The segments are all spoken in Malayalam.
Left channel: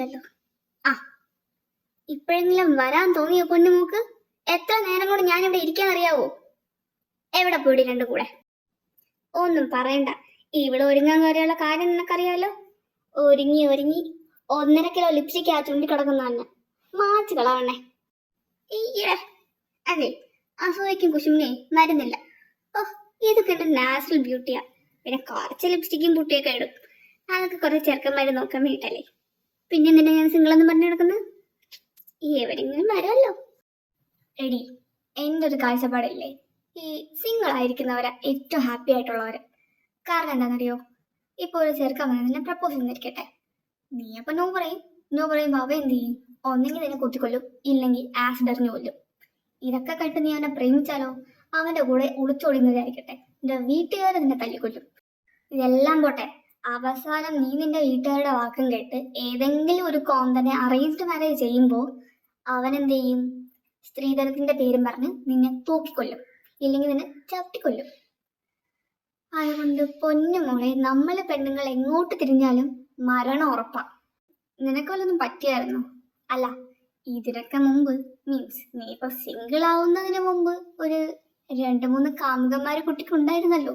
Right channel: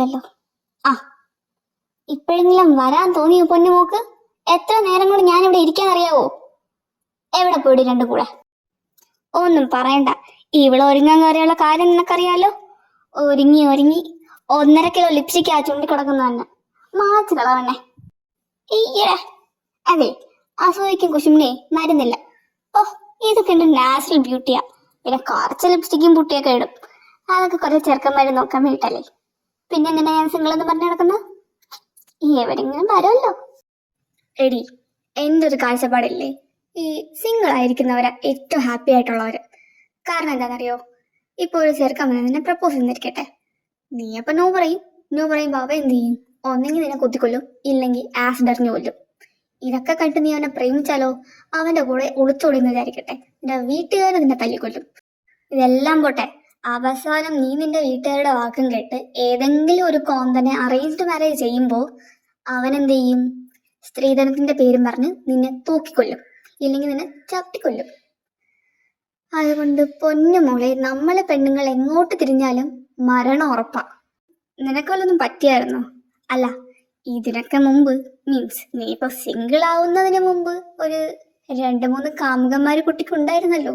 വന്നില്ലല്ലോ. ആ, ഇപ്പോഴെങ്കിലും വരാൻ തോന്നിയോ പൊന്നുമോക്ക്? എത്ര നേരം കൊണ്ട് ഞാനിവിടെ ഇരിക്കാന്നറിയാവോ? എവിടെ പോയി രണ്ടു കൂടെ? ഒന്നും പറയണ്ട, ഇവിടെ ഒരുങ്ങാൻ കയറിയുള്ള കാര്യം നിനക്കറിയാലോ. ഒരുങ്ങി ഒരുങ്ങി 1.5 കിലോ ലിപ്സ്റ്റിക് ആ ചുണ്ടി കിടക്കുന്ന തന്നെ മാച്ച് കളവണ്ണേ. ഈയേ, അതെ, അസൂയക്കും കുശുമിനെ മരുന്നില്ല. ഓ, ഇതൊക്കെ എന്റെ നാച്ചുറൽ ബ്യൂട്ടിയാ. പിന്നെ കുറച്ച് ലിപ്സ്റ്റിക്കും പുട്ടിയൊക്കെ ഇടും. അതൊക്കെ കുറച്ച് ചെറുക്കന്മാര് നോക്കാൻ വേണ്ടിട്ടല്ലേ. പിന്നെ എന്തിനാ ഞാൻ സിംഗിൾ എന്ന് പറഞ്ഞു നടക്കുന്നത്? എവിടെങ്കിലും വരുമല്ലോ. എടി, എൻ്റെ ഒരു കാഴ്ചപ്പാടില്ലേ, ഈ സിംഗിൾ ആയിരിക്കുന്നവരാ ഏറ്റവും ഹാപ്പി ആയിട്ടുള്ളവര്. കാരണം എന്താണെന്നറിയോ? ഇപ്പൊ ഒരു ചെറുക്കൻ വന്ന് നിന്നെ പ്രപ്പോസ് ചെയ്തിരിക്കട്ടെ, നീ അപ്പൊ നോ പറയും. നോ പറയുമ്പോ അവ എന്ത് ചെയ്യും? ഒന്നെങ്കിൽ നിന്നെ കുത്തിക്കൊല്ലും, ഇല്ലെങ്കിൽ ആസിഡ് എറിഞ്ഞു കൊല്ലും. ഇതൊക്കെ കണ്ട് നീ അവനെ പ്രേമിച്ചാലോ? അവന്റെ കൂടെ ഒളിച്ചോടിന്ന് വിചാരിക്കട്ടെ, നിന്റെ വീട്ടുകാരെ നിന്നെ തല്ലിക്കൊല്ലും. ഇതെല്ലാം പോട്ടെ, അവസാനം നീ നിന്റെ വീട്ടുകാരുടെ വാക്കും കേട്ട് ഏതെങ്കിലും ഒരു കോന്തനെ അറേഞ്ച്ഡ് മാരേജ് ചെയ്യുമ്പോ അവൻ എന്ത് ചെയ്യും? സ്ത്രീധനത്തിന്റെ പേരും പറഞ്ഞ് നിന്നെ തൂക്കിക്കൊല്ലും, ഇല്ലെങ്കിൽ നിന്നെ ചവിട്ടിക്കൊല്ലും. അതുകൊണ്ട് പൊന്നുമോളെ, നമ്മള് പെണ്ണുങ്ങൾ എങ്ങോട്ട് തിരിഞ്ഞാലും മരണം ഉറപ്പാ. നിനക്ക് വല്ലതും പറ്റിയായിരുന്നോ? അല്ല, ഇതിനൊക്കെ മുമ്പ്, മീൻസ് നീ ഇപ്പൊ സിംഗിൾ ആവുന്നതിന് മുമ്പ് ഒരു 2-3 കാമുകന്മാര് കുട്ടിക്കുണ്ടായിരുന്നല്ലോ.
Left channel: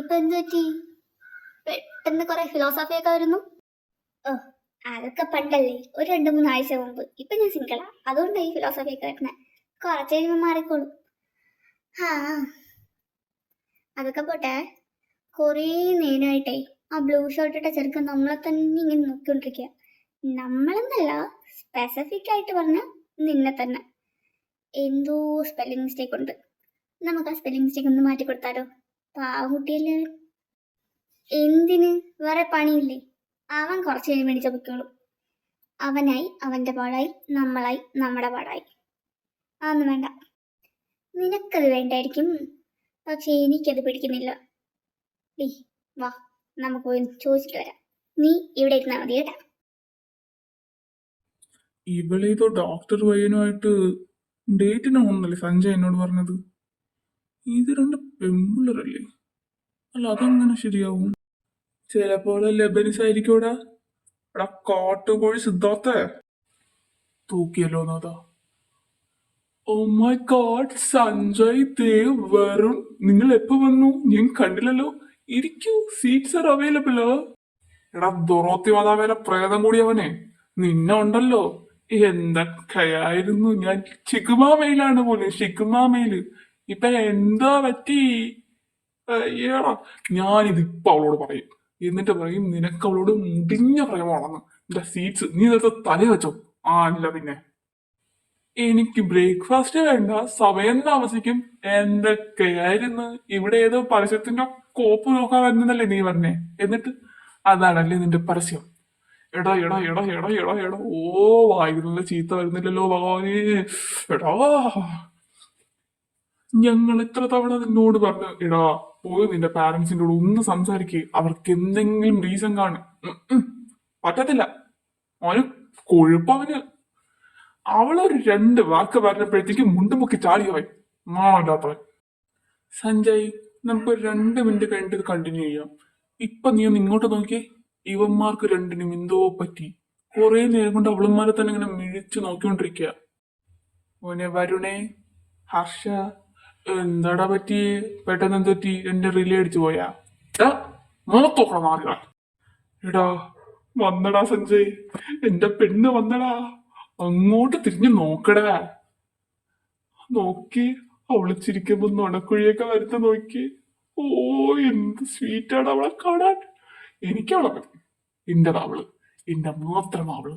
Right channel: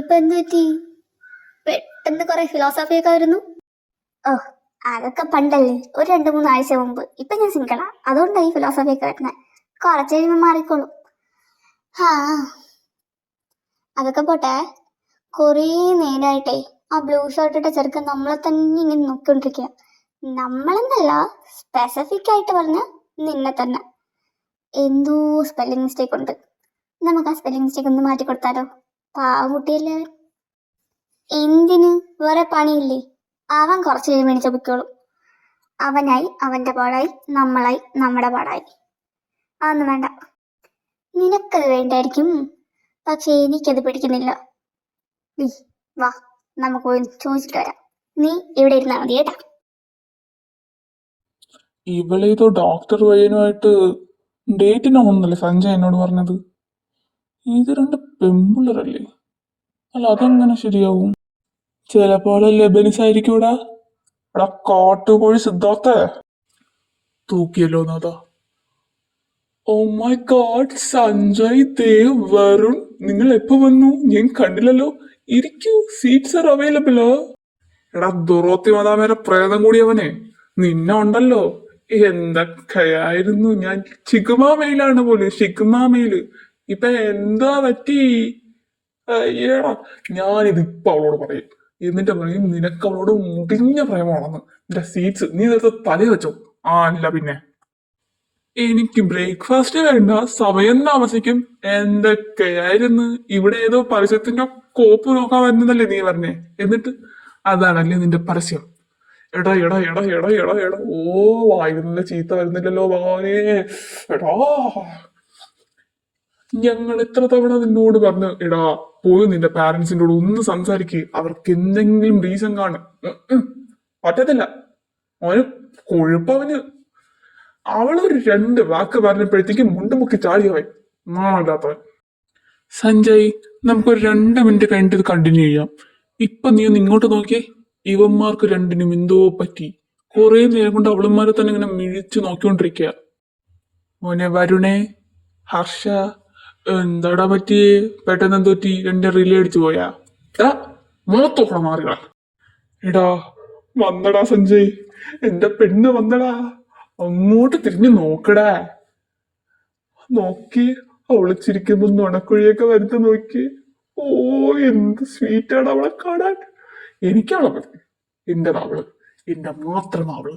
ഇപ്പൊ എന്ത് പറ്റി? പെട്ടെന്ന് കുറെ ഫിലോസഫി ഒക്കെ വരുന്നു. ഓ, അതൊക്കെ പണ്ടല്ലേ, ഒരു 2-3 ആഴ്ച മുമ്പ്. ഇപ്പൊ ഞാൻ സിംഗിളാ, അതുകൊണ്ടായി ഫിലോസഫി ഒക്കെ വരുന്നത്. കുറച്ച് കഴിയുമ്പോൾ മാറിക്കോളും. ഹാ, അതൊക്കെ പോട്ടെ. കുറേ നേരമായിട്ടേ ആ ബ്ലൂ ഷർട്ട് ഇട്ട ചെറുക്കൻ നമ്മളെ തന്നെ ഇങ്ങനെ നോക്കിക്കൊണ്ടിരിക്കുക. നമ്മളെന്നല്ല, സ്പെസിഫിക് ആയിട്ട് പറഞ്ഞ നിന്നെ തന്നെ. എന്തോ സ്പെല്ലിംഗ് മിസ്റ്റേക്ക് ഉണ്ട്. നമുക്ക് ആ സ്പെല്ലിംഗ് മിസ്റ്റേക്ക് ഒന്ന് മാറ്റി കൊടുത്താലോ? പാവകുട്ടിയല്ലേ. എന്തിന്? വേറെ പണിയില്ലേ? അവൻ കുറച്ച് കഴിയുമ്പോൾ എണീച്ച പൊയ്ക്കോളും. അവനായി അവന്റെ പാടായി, നമ്മളായി നമ്മുടെ പാടായി. അതൊന്നും വേണ്ട. നിനക്കത് വേണ്ടായിരിക്കും, പക്ഷെ എനിക്കത് പിടിക്കുന്നില്ല. നീ വാ, നമുക്ക് പോയി ചോദിച്ചിട്ട് വരാം. നീ ഇവിടെ ഇരുന്നാ മതി കേട്ടാ. ഇവളേതോ ഡോക്ടർ പയ്യനുമായിട്ട് ഡേറ്റിനാണെന്നല്ലേ സഞ്ജയ് എന്നോട് പറഞ്ഞത്. ഇത് 2 പെമ്പിള്ളറല്ലേ? അല്ല, അതെങ്ങനെ ശരിയാവും? ചിലപ്പോൾ ലബനിസായിരിക്കൂടാ. എടാ കാട്ടുകോഴി സിദ്ധാർത്ഥ തൂക്കിയല്ലോ നാഥ. Oh my god, Sanjay, Dev, Varun, നിങ്ങൾ എപ്പോ വന്നു? ഞാൻ കണ്ടില്ലല്ലോ. ഇരിക്കൂ, സീറ്റ്സ് ആർ അവൈലബിളോ. എടാ ദുറോത്തി മാതാമേരെ പ്രേതം കൂടിയവനെ, നിന്നെ ഉണ്ടല്ലോ. എന്തൊക്കെയായിരുന്നു ഞാൻ. ഷിഗ്മാമയിലാണ് പോലെ, ഷിഗ്മാമയില്. ഇപ്പൊ എന്താ പറ്റി? അയ്യടാ, ഞാനിത് ഇപ്പൊ അവളോട് പറയും. എന്നിട്ട് പറയും നിനക്ക് അവളോട് മുടിഞ്ഞ പ്രേമാണെന്ന്. നിന്റെ സീറ്റ്സ് നീ നേരത്തെ തല വെച്ചോ? ആ, അല്ല പിന്നെ. എനിക്ക് ബ്രേക്ക്ഫാസ്റ്റ് വേണ്ട, സമയം താമസിക്കും. എന്തൊക്കെയായിരുന്നു. ഇവിടെ ഏതോ പരസ്യത്തിന്റെ കോപ്പ് നോക്കാൻ വരുന്നതല്ലേ നീ പറഞ്ഞേ? എന്നിട്ട് അതാണല്ലേ നിന്റെ പരസ്യം? എടാ എടാ എടാ എടാ എടാ എടാ, ഓ വായിരുന്നില്ല, ചീത്ത വരുന്നില്ലല്ലോ ഭഗവാനേ. എടാ, ഞങ്ങൾ എത്ര തവണ നിന്നോട് പറഞ്ഞു, എടാ പോയി നിന്റെ പാരന്റ്സിന്റെ കൂടെ ഒന്ന് സംസാരിക്കുക, അവർക്ക് എന്തെങ്കിലും റീസൺ കാണും. പറ്റത്തില്ല, അവന് കൊഴുപ്പവന്. അവളൊരു 2 വാക്ക് പറഞ്ഞപ്പോഴത്തേക്കും മുണ്ടുമുക്കി ചാടിയവൻ, നാണമില്ലാത്തവൻ. സഞ്ജയ്, നമുക്കൊരു 2 മിനിറ്റ് കഴിഞ്ഞിട്ട് ഇത് കണ്ടിന്യൂ ചെയ്യാം. ഇപ്പൊ നീ ഒന്ന് ഇങ്ങോട്ട് നോക്കിയേ. ഇവന്മാർക്ക് 2നും എന്തോ പറ്റി. കുറെ നേരം കൊണ്ട് അവളന്മാരെ തന്നെ ഇങ്ങനെ മിഴിച്ചു നോക്കിക്കൊണ്ടിരിക്കുക. മോനെ വരുണേ, ഹർഷ, എന്താടാ പറ്റിയേ? പെട്ടെന്ന് എന്തോ പറ്റി? 2 റിലേ അടിച്ചു പോയാ? മുഖത്തോക്കണം മാറികളാ. എടാ വന്നടാ സഞ്ജയ്, എന്റെ പെണ്ണ് വന്നടാ. അങ്ങോട്ട് തിരിഞ്ഞു നോക്കടാ. നോക്കി, അവള് ചിരിക്കുമ്പോ നുണക്കുഴിയൊക്കെ വരുത്ത നോക്കി. ഓ, എന്ത് സ്വീറ്റാണ് അവളെ കാണാൻ. എനിക്കവളെ മതി. എന്റെ അവള്, എന്റെ മാത്രം അവള്.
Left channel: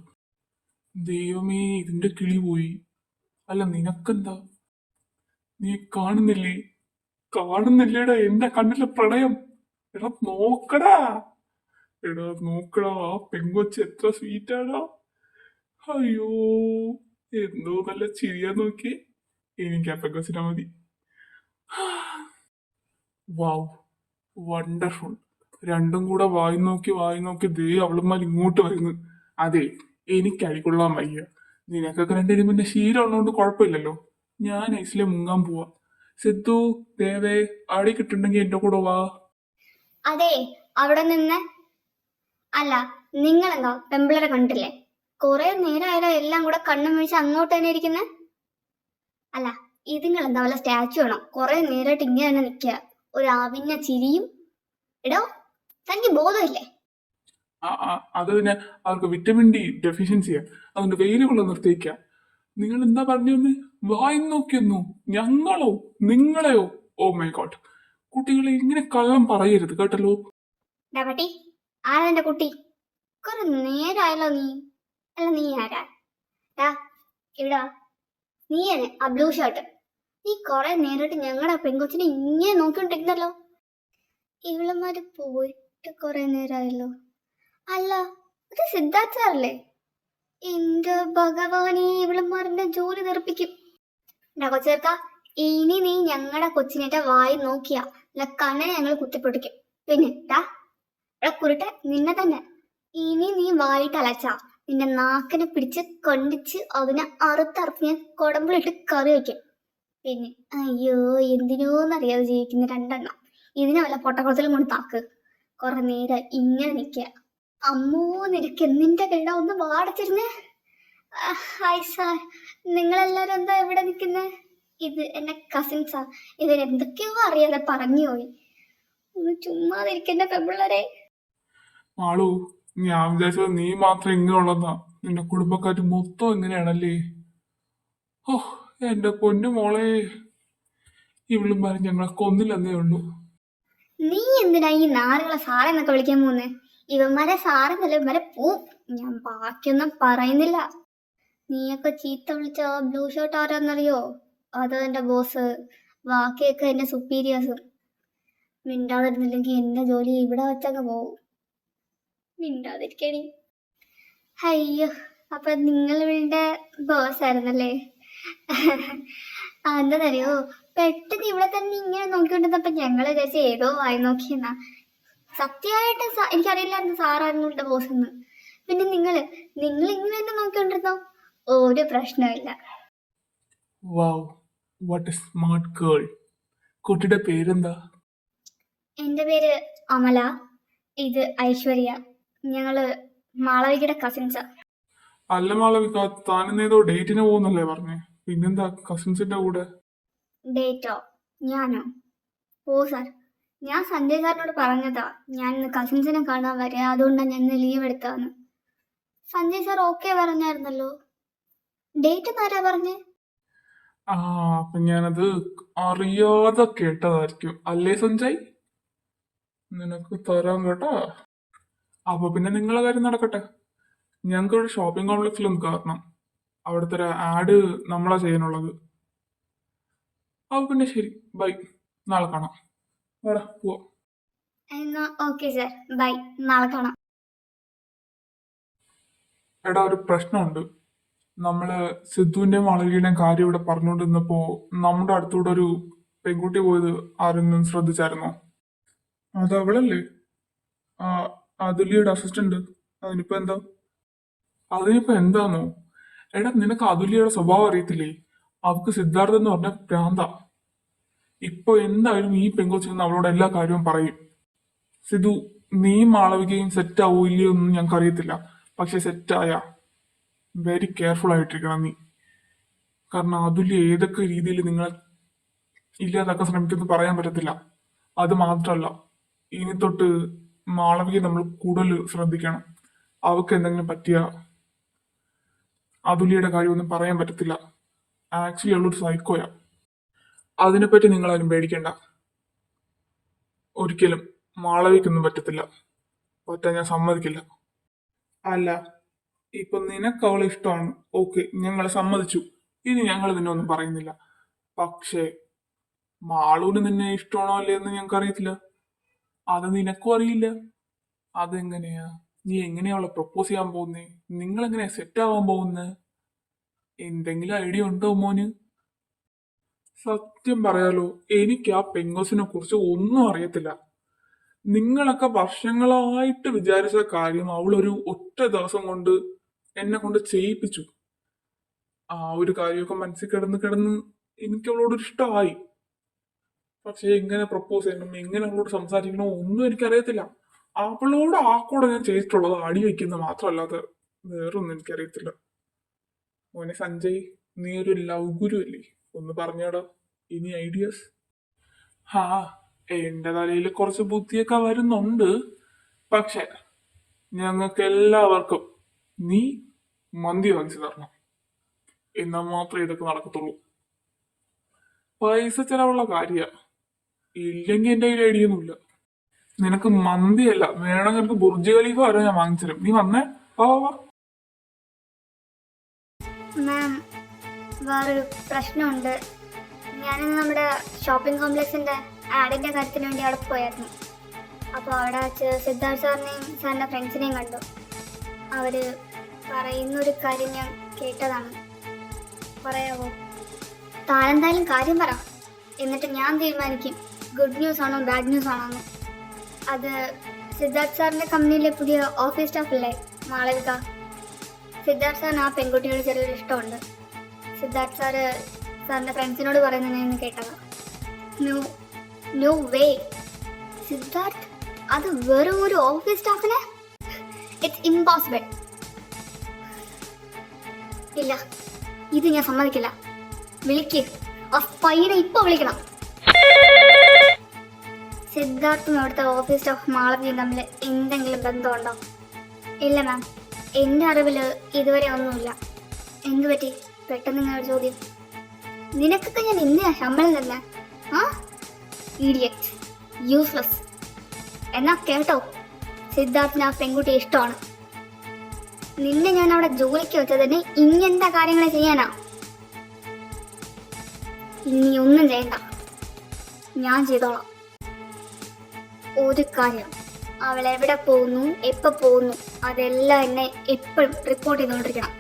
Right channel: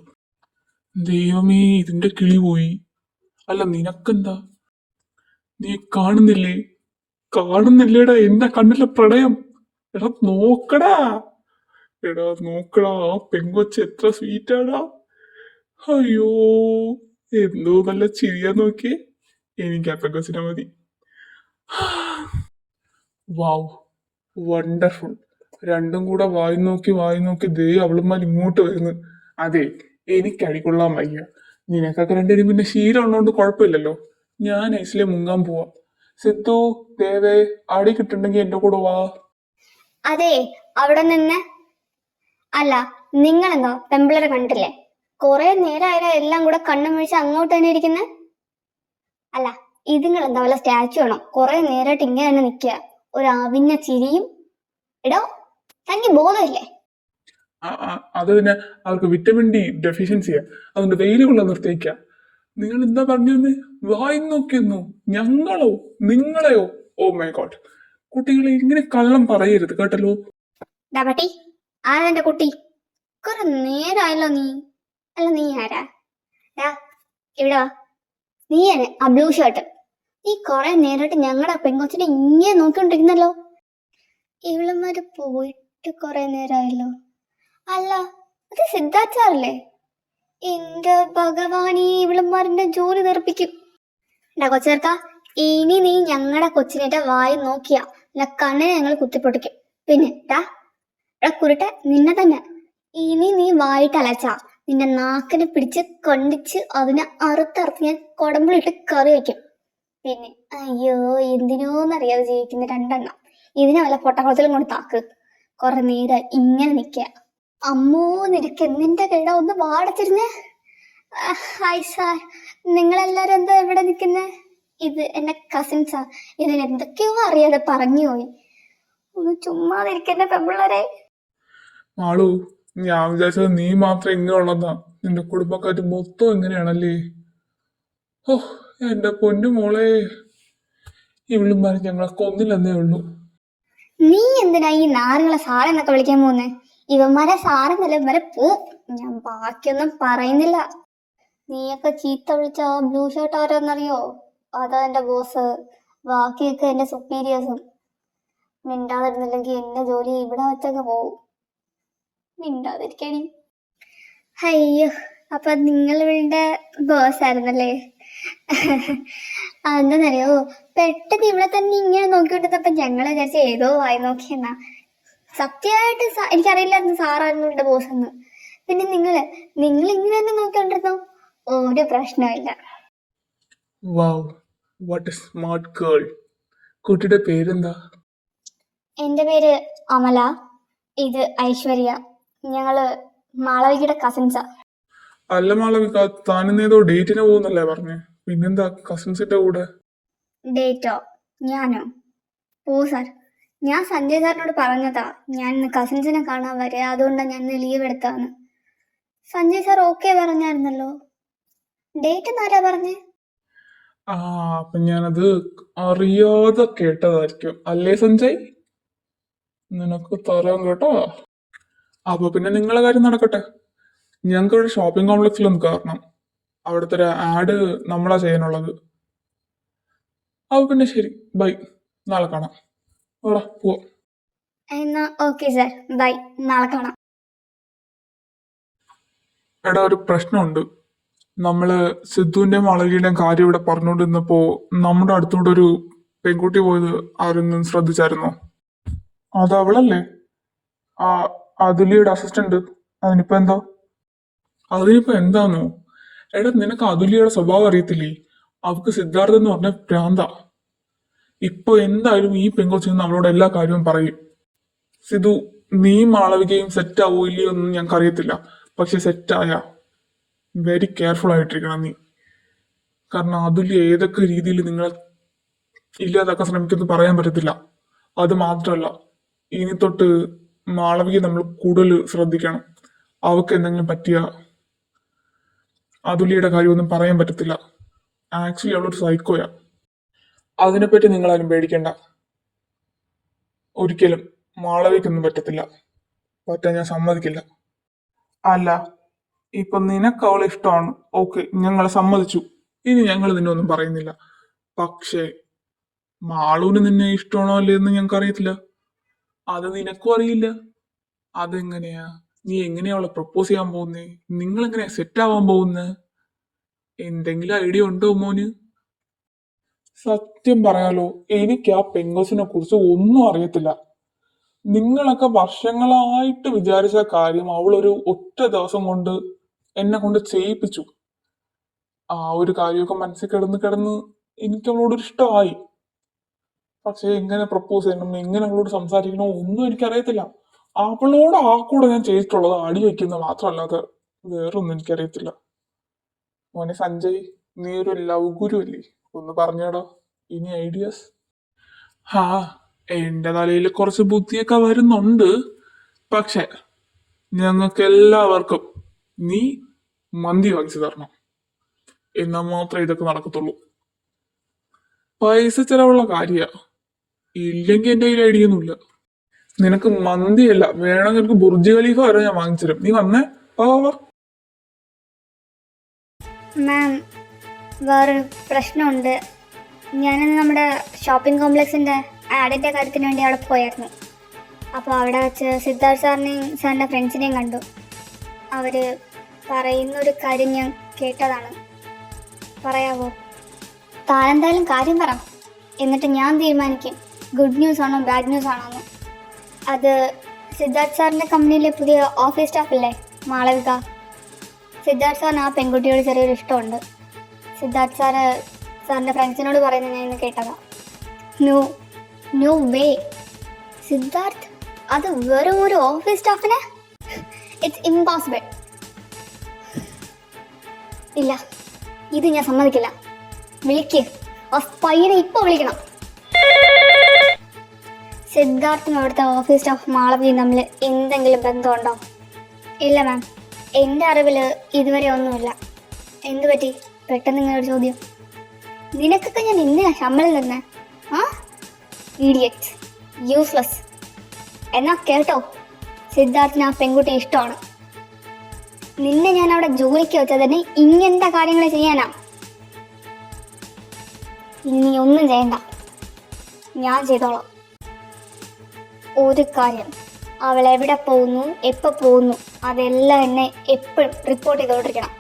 ദൈവമേ, ഇതിന്റെ കിളി പോയി. അല്ല, നിനക്കെന്താ? നീ കാണുന്നില്ലേ? കാണുന്നില്ലേടാ എന്റെ കണ്ണിലെ പ്രണയം? എടാ നോക്കടാ, എടാ നോക്കടാ, ആ പെങ്കൊച്ച് എത്ര സ്വീറ്റാടാ. അയ്യോ, എന്തോ നല്ല ചിരിയാ നോക്കിയേ. എനിക്ക് ആ പെങ്കൊച്ചിനെ മതി. വാവ്, വണ്ടർഫുൾ. 2ഉം കൂടെ വായി നോക്കി ദേ അവളുമാർ ഇങ്ങോട്ട് വരുന്നു. അതെ, എനിക്ക് അടികൊള്ളാൻ വയ്യ. നിനക്കൊക്കെ 2 പിന്നെ ശീലം ഉള്ളതുകൊണ്ട് കുഴപ്പമില്ലല്ലോ. ഞാൻ ഐസിലെ മുങ്ങാൻ പോവാ. സിദ്ധു, ദേവേ, അവിടെ കിട്ടുണ്ടെങ്കിൽ എന്റെ കൂടെ വാ. അതെ, അവിടെ നിന്ന്. അല്ല, നിങ്ങളെന്തോ പെമ്പിളരെ കണ്ടില്ലേ? കൊറേ നേരമായാലും എല്ലാം കൂടെ കണ്ണും വീഴ്ച അങ്ങോട്ട് തന്നെ ഇരിക്കുന്നത്. അല്ല, ഇതുങ്ങൾ എന്താ വല്ല സ്റ്റാച്ചു ആണോ? കൊറേ നേരമായിട്ട് ഇങ്ങനെ തന്നെ നിൽക്കുക, ഒരു അവിഞ്ഞ ചിരിയും. എടോ, തനിക്ക് ബോധമില്ലേ? അത് പിന്നെ അവർക്ക് വിറ്റമിൻ ഡി ഡെഫിഷ്യൻസിയാ, അതുകൊണ്ട് വെയിൽ കൊള്ള നിർത്തിയേക്കാം. നിങ്ങൾ എന്താ പറഞ്ഞു? വായി നോക്കിയെന്നു? ഞങ്ങളോ നിങ്ങളെയോ? ഓ മൈ ഗോഡ്, കുട്ടികളെ ഇങ്ങനെ കള്ളം പറയരുത് കേട്ടല്ലോ. ഡാബട്ടി, ആരാ എന്റെ കുട്ടി? കുറെ നേരമായല്ലോ നീ. അല്ല, നീ ആരാ? ഡാ, ഇവിടെ വാ. നീ തന്നെ ആ ബ്ലൂ ഷർട്ട്. നീ കൊറേ നേരമായിട്ട് ഞങ്ങളുടെ പെങ്കൊച്ചിനെ ഇങ്ങനെ നോക്കിക്കൊണ്ടിരിക്കുന്നല്ലോ. ഇവളമാര് പോയിട്ട് കൊറേ നേരമായല്ലോ. അല്ല, അത് സിദ്ധാർത്ഥ സാറല്ലേ? എന്റെ ഭഗവാനീ, ഇവളമാരുടെ ജോലി തെറിപ്പിക്കും. ഡാ കൊച്ചേർക്ക, ഇനി നീ ഞങ്ങളുടെ കൊച്ചിനെ വായി നോക്കിയാ അല്ല കണ്ണിനെ ഞങ്ങൾ കുത്തിപ്പൊട്ടിക്കും. പിന്നെ ഡാ കുരുട്ടെ, നിന്നെ തന്നെ. ഇനി നീ വായിട്ട് അലച്ചാ നിന്റെ നാക്കിനെ പിടിച്ച് കണ്ടിച്ച് അതിനെ അറുത്തറുത്ത് ഞാൻ കുടമ്പിലിട്ട് കറി വെക്കും. പിന്നെ അയ്യോ, എന്തിനോന്നറിയാതെ ജീവിക്കുന്ന രണ്ടെണ്ണം. ഇതിനെ വല്ല പൊട്ടക്കുളത്തിലും കൊണ്ട് താക്ക്. കുറെ നേരം ഇങ്ങനെ നിക്ക. അമ്മോ, നിനക്ക് എന്തിന്റെ കേടാ? ഒന്ന് വാടച്ചിരുന്നേ. ഹായ് സാർ, നിങ്ങളെല്ലാരും എന്താ ഇവിടെ നിൽക്കുന്നേ? ഇത് എന്റെ കസിൻസാ. ഇതിന് എന്തൊക്കെയോ അറിയാതെ പറഞ്ഞു പോയി. ഒന്ന് ചുമ്മാതിരിക്കന്റെ പെമ്പിള്ളരെ. മാളു, ഞാൻ വിചാരിച്ചത് നീ മാത്രം ഇങ്ങനെയുള്ളതാ. നിന്റെ കുടുംബക്കാര് മൊത്തം ഇങ്ങനെയാണല്ലേ? ഓ എന്റെ പൊന്നു മോളെ, ഇവളും പറഞ്ഞ് ഞങ്ങളെ കൊന്നില്ലെന്നേ ഉള്ളൂ. നീ എന്തിനാ ഈ നാറുകളെ സാറെന്നൊക്കെ വിളിക്കാൻ പോകുന്നേ? ഇവന്മാരെ സാറെന്നല്ല, ഇവരെ പോ. ഞാൻ ബാക്കിയൊന്നും പറയുന്നില്ല. നീയൊക്കെ ചീത്ത വിളിച്ച ആ ബ്ലൂ ഷർട്ട് ആരാന്നറിയോ? അതാ എന്റെ ബോസ്. ബാക്കിയൊക്കെ എന്റെ സുപ്പീരിയേഴ്സും. മിണ്ടാതിരുന്നില്ലെങ്കിൽ എന്റെ ജോലി ഇവിടെ വെച്ചങ്ങ് പോവും. മിണ്ടാതിരിക്കടി. അയ്യോ, അപ്പൊ നിങ്ങൾ ഇവളുടെ ബോസ് ആയിരുന്നല്ലേ? എന്താന്നറിയോ, പെട്ടെന്ന് ഇവിടെ തന്നെ ഇങ്ങനെ നോക്കിക്കൊണ്ടിരുന്നപ്പോ ഞങ്ങളെ വിചാരിച്ച ഏതോ വായി നോക്കിയെന്നാ. സത്യമായിട്ട് എനിക്കറിയില്ലായിരുന്നു സാറായിരുന്നു എന്റെ ബോസ് എന്ന്. പിന്നെ നിങ്ങൾ ഇങ്ങനെ തന്നെ നോക്കിക്കൊണ്ടിരുന്നോ? ഒരു പ്രശ്നമില്ല. വാവ്, വാട്ട് എ സ്മാർട്ട് ഗേൾ. കുട്ടിയുടെ പേരെന്താ? എന്റെ പേര് അമല, ഇത് ഐശ്വര്യ. ഞങ്ങള് മാളവികയുടെ കസിൻസാ. അല്ല മാളവിക, താനിന്നേതോ ഡേറ്റിന് പോകുന്നല്ലേ പറഞ്ഞേ? പിന്നെന്താ കസിൻസിന്റെ കൂടെ? ഡേറ്റോ? ഞാനോ? ഓ സാർ, ഞാൻ സഞ്ജയ് സാറിനോട് പറഞ്ഞതാ ഞാൻ ഇന്ന് കസിൻസിനെ കാണാൻ വരെ, അതുകൊണ്ടാണ് ഞാൻ ഇന്ന് ലീവ് എടുത്താന്ന്. സഞ്ജയ് സാർ ഓക്കെ പറഞ്ഞായിരുന്നല്ലോ. ഡേറ്റ് എന്നാരാ പറഞ്ഞേ? ആ, അപ്പൊ ഞാനത് അറിയാതെ കേട്ടതായിരിക്കും അല്ലേ സഞ്ജയ്? നിനക്ക് തരാം കേട്ടോ. അപ്പൊ പിന്നെ നിങ്ങളെ കാര്യം നടക്കട്ടെ. ഞങ്ങൾക്ക് ഇവിടെ ഷോപ്പിംഗ് കോംപ്ലക്സിലൊന്ന് കയറണം. അവിടുത്തെ ഒരു ആഡ് നമ്മളാ ചെയ്യാനുള്ളത്. അപ്പൊ പിന്നെ ശരി, ബൈ, നാളെ കാണാം. വേടാ പോവാ. എന്നാ ഓക്കെ സാർ, ബൈ, നാളെ കാണാം. എടാ, ഒരു പ്രശ്നമുണ്ട്. നമ്മള് സിദ്ധുവിന്റെയും മാളവികയുടെയും കാര്യം ഇവിടെ പറഞ്ഞുകൊണ്ടിരുന്നപ്പോ നമ്മുടെ അടുത്തൂടെ ഒരു പെൺകുട്ടി പോയത് ആരെങ്കിലും ശ്രദ്ധിച്ചായിരുന്നോ? അത് അവളല്ലേ, ആ അതുലിയുടെ അസിസ്റ്റന്റ്. അതിനിപ്പോ എന്താ? അതിനിപ്പോ എന്താന്നോ? എടാ, നിനക്ക് അതുലിയുടെ സ്വഭാവം അറിയത്തില്ലേ? അവക്ക് സിദ്ധാർത്ഥ എന്ന് പറഞ്ഞ ഭ്രാന്ത. ഇപ്പൊ എന്തായാലും ഈ പെങ്കൊച്ചിൽ നിന്ന് അവളോട് എല്ലാ കാര്യവും പറയും. സിധു, നീ മാളവികയും സെറ്റ് ആവോ ഇല്ലയോ ഒന്നും ഞങ്ങൾക്ക് അറിയത്തില്ല. പക്ഷെ സെറ്റായ വെരി കെയർഫുൾ ആയിട്ടിരിക്കണം നീ. കാരണം അതുല്യ ഏതൊക്കെ രീതിയിൽ നിങ്ങളെ ഇല്ലാതാക്കാൻ ശ്രമിക്കുമെന്ന് പറയാൻ പറ്റത്തില്ല. അത് മാത്രമല്ല, ഇനി തൊട്ട് മാളവിക നമ്മൾ കൂടുതൽ ശ്രദ്ധിക്കണം. അവക്ക് എന്തെങ്കിലും പറ്റിയ അതുലിയുടെ കാര്യമൊന്നും പറയാൻ പറ്റത്തില്ല. ആക്ച്വലി അവളൊരു സൈക്കോയാ. അതിനെപ്പറ്റി നിങ്ങളാരും പേടിക്കേണ്ട. ഒരിക്കലും മാളവിക്കൊന്നും പറ്റത്തില്ല. പറ്റാൻ ഞാൻ സമ്മതിക്കില്ല. അല്ല, ഇപ്പൊ നിനക്ക് അവളെ ഇഷ്ടമാണ്, ഓക്കെ, ഞങ്ങൾ സമ്മതിച്ചു. ഇനി ഞങ്ങൾ നിന്നെ ഒന്നും പറയുന്നില്ല. പക്ഷേ മാളൂന് നിന്നെ ഇഷ്ടമാണോ അല്ലേ എന്ന് ഞങ്ങൾക്ക് അറിയത്തില്ല. അത് നിനക്കും അറിയില്ല. അതെങ്ങനെയാ? നീ എങ്ങനെയാ അവളെ പ്രപ്പോസ് ചെയ്യാൻ പോകുന്നേ? നിങ്ങൾ എങ്ങനെയാ സെറ്റ് ആവാൻ പോകുന്നേ? എന്തെങ്കിലും ഐഡിയ ഉണ്ടോ മോന്? സത്യം പറയാലോ, എനിക്ക് ആ പെങ്കോസിനെ കുറിച്ച് ഒന്നും അറിയത്തില്ല. നിങ്ങളൊക്കെ വർഷങ്ങളായിട്ട് വിചാരിച്ച കാര്യം അവളൊരു ഒറ്റ ദിവസം കൊണ്ട് എന്നെ കൊണ്ട് ചെയ്യിപ്പിച്ചു. ആ ഒരു കാര്യമൊക്കെ മനസ്സിൽ കിടന്ന് കിടന്ന് എനിക്ക് അവളോടൊരു ഇഷ്ടമായി. പക്ഷെ എങ്ങനെ പ്രപ്പോസ് ചെയ്യണം, എങ്ങനെ അവളോട് സംസാരിക്കണോ ഒന്നും എനിക്കറിയത്തില്ല. അവളോട് ആ കൂടെ ഞാൻ ചെയ്തിട്ടുള്ളത് അടി വയ്ക്കുന്നത് മാത്രമല്ലാതെ വേറൊന്നും എനിക്കറിയത്തില്ല. മോനെ സഞ്ജയ്, നീ ഒരു ലവ് ഗുരു അല്ലേ? ഒന്ന് പറഞ്ഞാടോ ഇനി ഐഡിയാസ്. ഹാ, എന്റെ തലയിൽ കുറച്ച് ബുദ്ധിയൊക്കെ വരുന്നുണ്ട്. പക്ഷെ ഞങ്ങൾക്ക് എല്ലാവർക്കും നീ മന്തി വാങ്ങിച്ചു തരണം. എന്നാൽ മാത്രമേ ഇതൊക്കെ നടക്കത്തുള്ളൂ. പൈസ ചെലവുള്ള കാര്യ, ഇല്ലെങ്കിൽ എന്റെ കയ്യിൽ ഐഡിയ ഒന്നുമില്ല. നിനക്ക് മന്തിയല്ല വേണമെങ്കിൽ നിനക്ക് ബുർജ് ഖലീഫ വരെ ഞാൻ വാങ്ങിച്ചുതരും. നീ വന്നേ, വാ വാ വാ. മാം, വേറൊരു പ്രശ്നമുണ്ട്. ഞാനന്ന് നമ്മുടെ ഷോപ്പിംഗ് കോംപ്ലക്സിൻ്റെ ആഡിൻ്റെ കാര്യത്തിന് വേണ്ടി അവിടെ പോയായിരുന്നു. അപ്പോൾ അവിടെ വെച്ച് സിദ്ധാർത്ഥ് സാറിനെയും സാറിൻ്റെ ഫ്രണ്ട്സിനെയും കണ്ടു. അവർ പറയുന്നൊരു കാര്യം ഞാൻ കേട്ടതാണ്. പറയാവോ? താനെന്തായാലും കാര്യം പറ, എന്നിട്ട് ഞാൻ തീരുമാനിക്കും ഗുഡ് ന്യൂസ് ആണോ ബാഡ് ന്യൂസ് ആണോ എന്ന്. അത് സിദ്ധാർത്ഥ് സാറിൻ്റെ കമ്പനിയിലെ പുതിയ ഓഫീസ് സ്റ്റാഫല്ലേ മാളവിക. സിദ്ധാർത്ഥ് സാറിന് ആ പെൺകുട്ടിയോട് ചെറിയൊരു ഇഷ്ടമുണ്ട്. സിദ്ധാർത്ഥ് സാറിൻ്റെ ഫ്രണ്ട്സിനോട് പറയുന്നത് ഞാൻ ഇന്ന് കേട്ടതാ. ന്യൂ വേ സിദ്ധാർത്ഥ് അത് വെറും ഒരു ഓഫീസ് സ്റ്റാഫിനെ? It's impossible. ഇല്ല, ഇത് ഞാൻ സമ്മതിക്കില്ല. വിളിക്ക്, ആ പയ്യനെ ഇപ്പൊ വിളിക്കണം. സിദ്ധാർത്ഥും അവിടുത്തെ ഓഫീസ് സ്റ്റാഫ് മാളവിയും തമ്മിൽ എന്തെങ്കിലും ബന്ധമുണ്ടോ? ഇല്ല മാം, എൻ്റെ അറിവിൽ ഇതുവരെ ഒന്നുമില്ല. എന്തു പറ്റി പെട്ടെന്ന് ഇങ്ങനെ ഒരു ചോദ്യം? നിനക്കൊക്കെ ഞാൻ എന്തിനാ ശമ്പളം തന്നെ? ആ, ഇഡിയറ്റ്, യൂസ്ലെസ്. എന്നാ കേട്ടോ, സിദ്ധാർത്ഥിന് ആ പെൺകുട്ടി ഇഷ്ടമാണ്. നിന്നെ ഞാൻ അവിടെ ജോലിക്ക് വെച്ചാൽ തന്നെ ഇങ്ങനത്തെ കാര്യങ്ങൾ ചെയ്യാനാ? ഇനി ഒന്നും ചെയ്യണ്ട, ഞാൻ ചെയ്തോളാം. ഒരു കാര്യം, അവൾ എവിടെ പോകുന്നു എപ്പോൾ പോകുന്നു അതെല്ലാം എന്നെ എപ്പോഴും റിപ്പോർട്ട് ചെയ്തോണ്ടിരിക്കണം.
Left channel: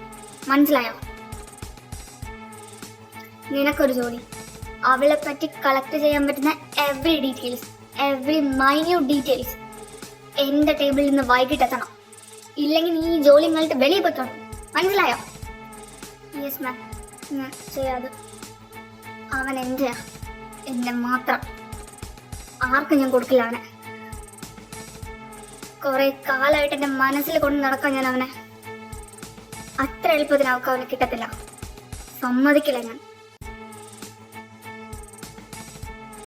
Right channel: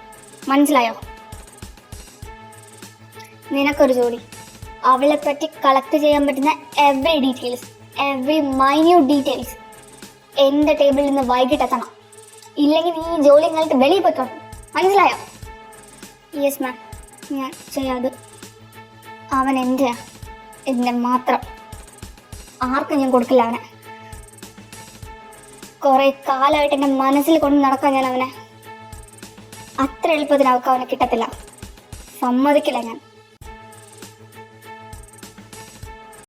മനസ്സിലായോ? നിനക്കൊരു ജോലി, അവളെ പറ്റി കളക്ട് ചെയ്യാൻ പറ്റുന്ന every details, every minute details എൻ്റെ ടേബിളിൽ നിന്ന് വൈകിട്ട് എത്തണം. ഇല്ലെങ്കിൽ നീ ഈ ജോലി നിങ്ങൾക്ക് വെളിയിൽ പോയിക്കണം. മനസ്സിലായോ? യെസ് മാം, ഞാൻ ചെയ്യാതെ. അവൻ എൻ്റെ മാത്രം, ആർക്കും ഞാൻ കൊടുക്കില്ല അവനെ. കുറെ കാലമായിട്ട് എൻ്റെ മനസ്സിൽ കൊണ്ട് നടക്കാൻ ഞാൻ അവനെ. അത്ര എളുപ്പത്തിൽ അവൾക്ക് അവനെ കിട്ടത്തില്ല, സമ്മതിക്കില്ല ഞാൻ.